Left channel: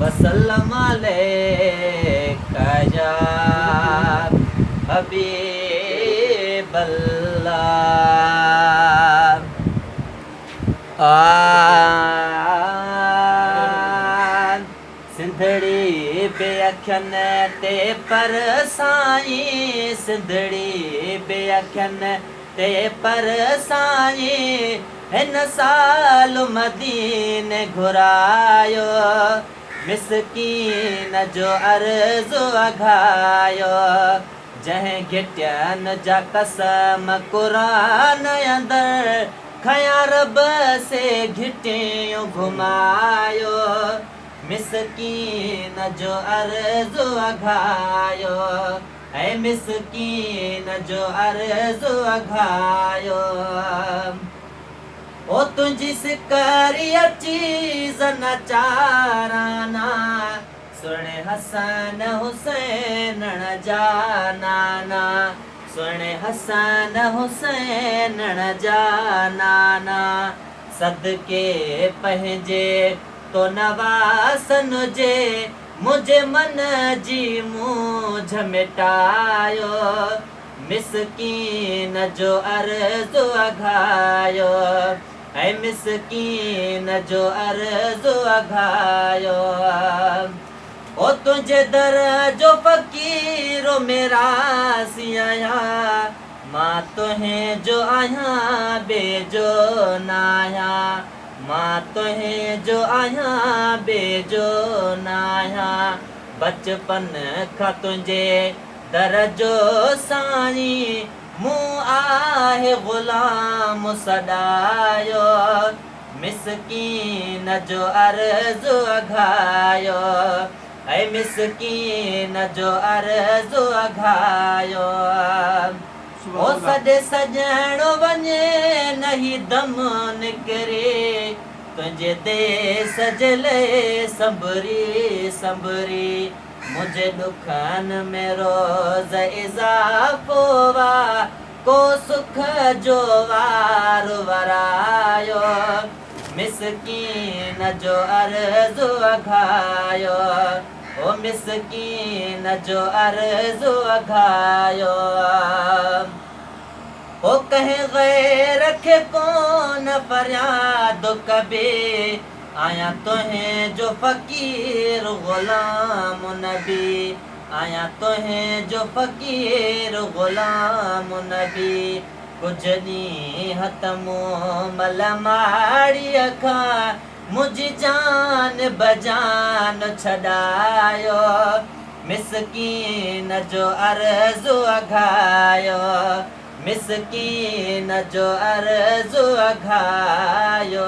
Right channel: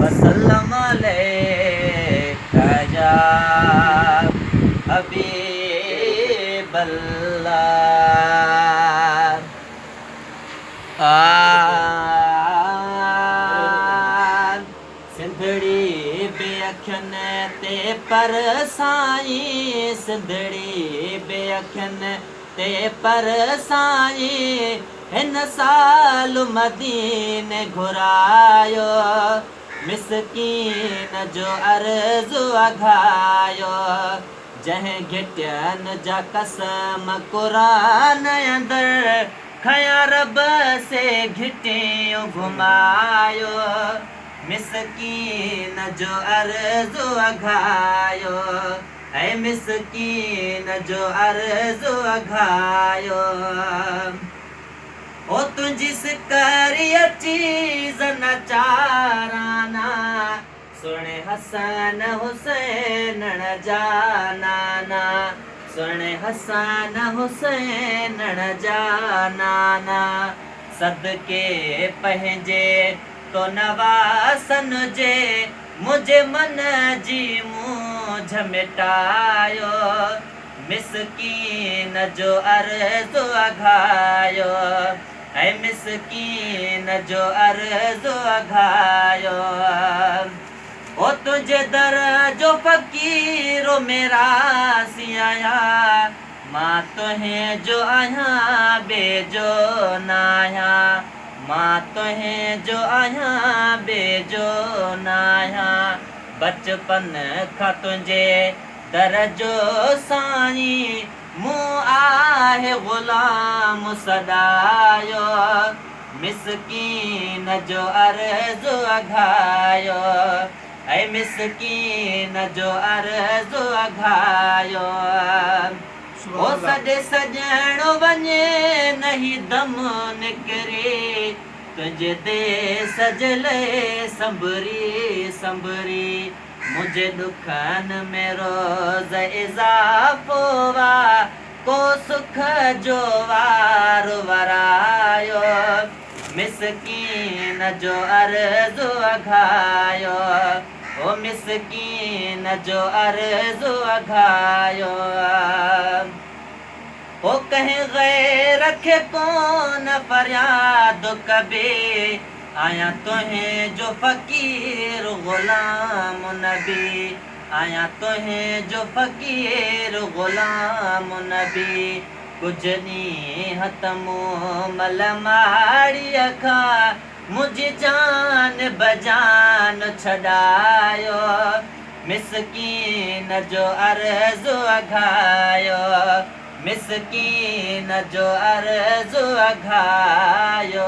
वसल्लम अलैका या हबीबल्लाह। सिंधड़ी बे अखियनि ते पर साईं, सिंधड़ी बे अखियनि ते पर साईं, हिन साल मदीने घुरायो, मिसकीन जो अर्ज़ु अघायो। जंहिं घिटियनि जा कसम क़ुरान अंदर, खयां रब से घिटियूं घुमायो, मिसकीन जो अर्ज़ु अघायो, ऐं मिसकीन जो अर्ज़ु अघायो। ओ तुंहिंजी सिकरिया चीज़ नचाराना, सुणे हसन हुसैन जा नाना, सुणे हसन हुसैन जा नाना। सदके पंहिंजे तो नवासन जे, मुंहिंजे मन जी मूंझ मिटायो, मिसकीन जो अर्ज़ु अघायो, ऐं मिसकीन जो अर्ज़ु अघायो। ओ तुंहिंजे दर जो फ़क़ीरो मेरा सी आहियां, मां तुंहिं जो आहियां बेजो न आहियां, मां तुंहिं जो आहियां बेजो न आहियां। बचपन खां तुंहिंजे दर जो साईं, मूं आहे ग़ुलाम सॾायो, मिसकीन जो अर्ज़ु अघायो, ऐं मिसकीन जो अर्ज़ु अघायो। ओ सॾे सॼणो वञे नहीं दम निकिरे, तुंहिंजे देस जे लाइ संभरी संभरी, मुंहिंजे दुखनि में रोज़ इज़ाफ़ो वा, को सुख जो वार वरायो, मिसकीन जो अर्ज़ु अघायो, ओ मिसकीन जो अर्ज़ु अघायो। ओ कंहिं ग़ैर खे कोन फ़रियाद कबे, आहियां तुंहिं जो फ़क़ीर ग़ुलाम नबी, आहियां तुंहिं जो फ़क़ीर ग़ुलाम नबी। कुझु ॾींहं त मूं मल माड़ीअ खां, मुंहिंजी जान बजान छॾायो, मिसकीन जो अर्ज़ु अघायो, मिसकीन जो अर्ज़ु अघायो।